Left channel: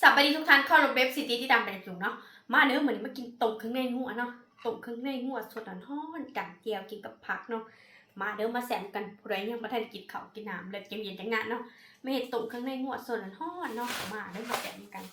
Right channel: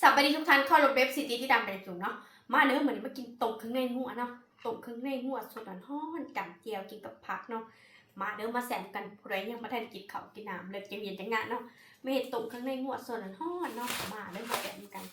สวัสดีทุกท่านเข้าลงเว็บซิตี้ที่ดังไปจุงเนาะมาเด้อมื้อนี้มากินต้มเครื่องในหัวเนาะต้มเครื่องในหัวสดร้อนๆจำเจียวกินกับผักเนาะมาเด้อมาแซมกันผู้ใดยังบ่ทันกินข้าวกินน้ำเลยเย็นๆจังงะเนาะมาเฮ็ดต้มเครื่องในหัวสดร้อนๆเนาะมาเด้อมาแซมกัน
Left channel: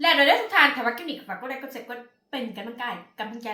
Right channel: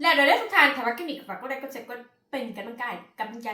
แล้วเด้อทุกท่านถ้าว่าคลิปนี้ก็ฝากกดไลค์กดแชร์กดเป็นกำลังใจ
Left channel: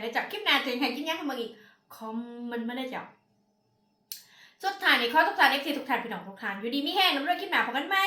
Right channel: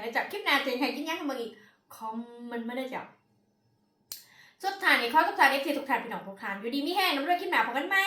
แล้วจ้ะคลิปหน้าจะให้กินหยังให้มึงอีกคอมเมนต์มาได้จ้ะสุดท้ายนี้ขอทุกท่าน FC ทุกท่านพี่น้องทุกท่านอยู่ดีมีแรงนำด้วยคลิปหน้าพบกันใหม่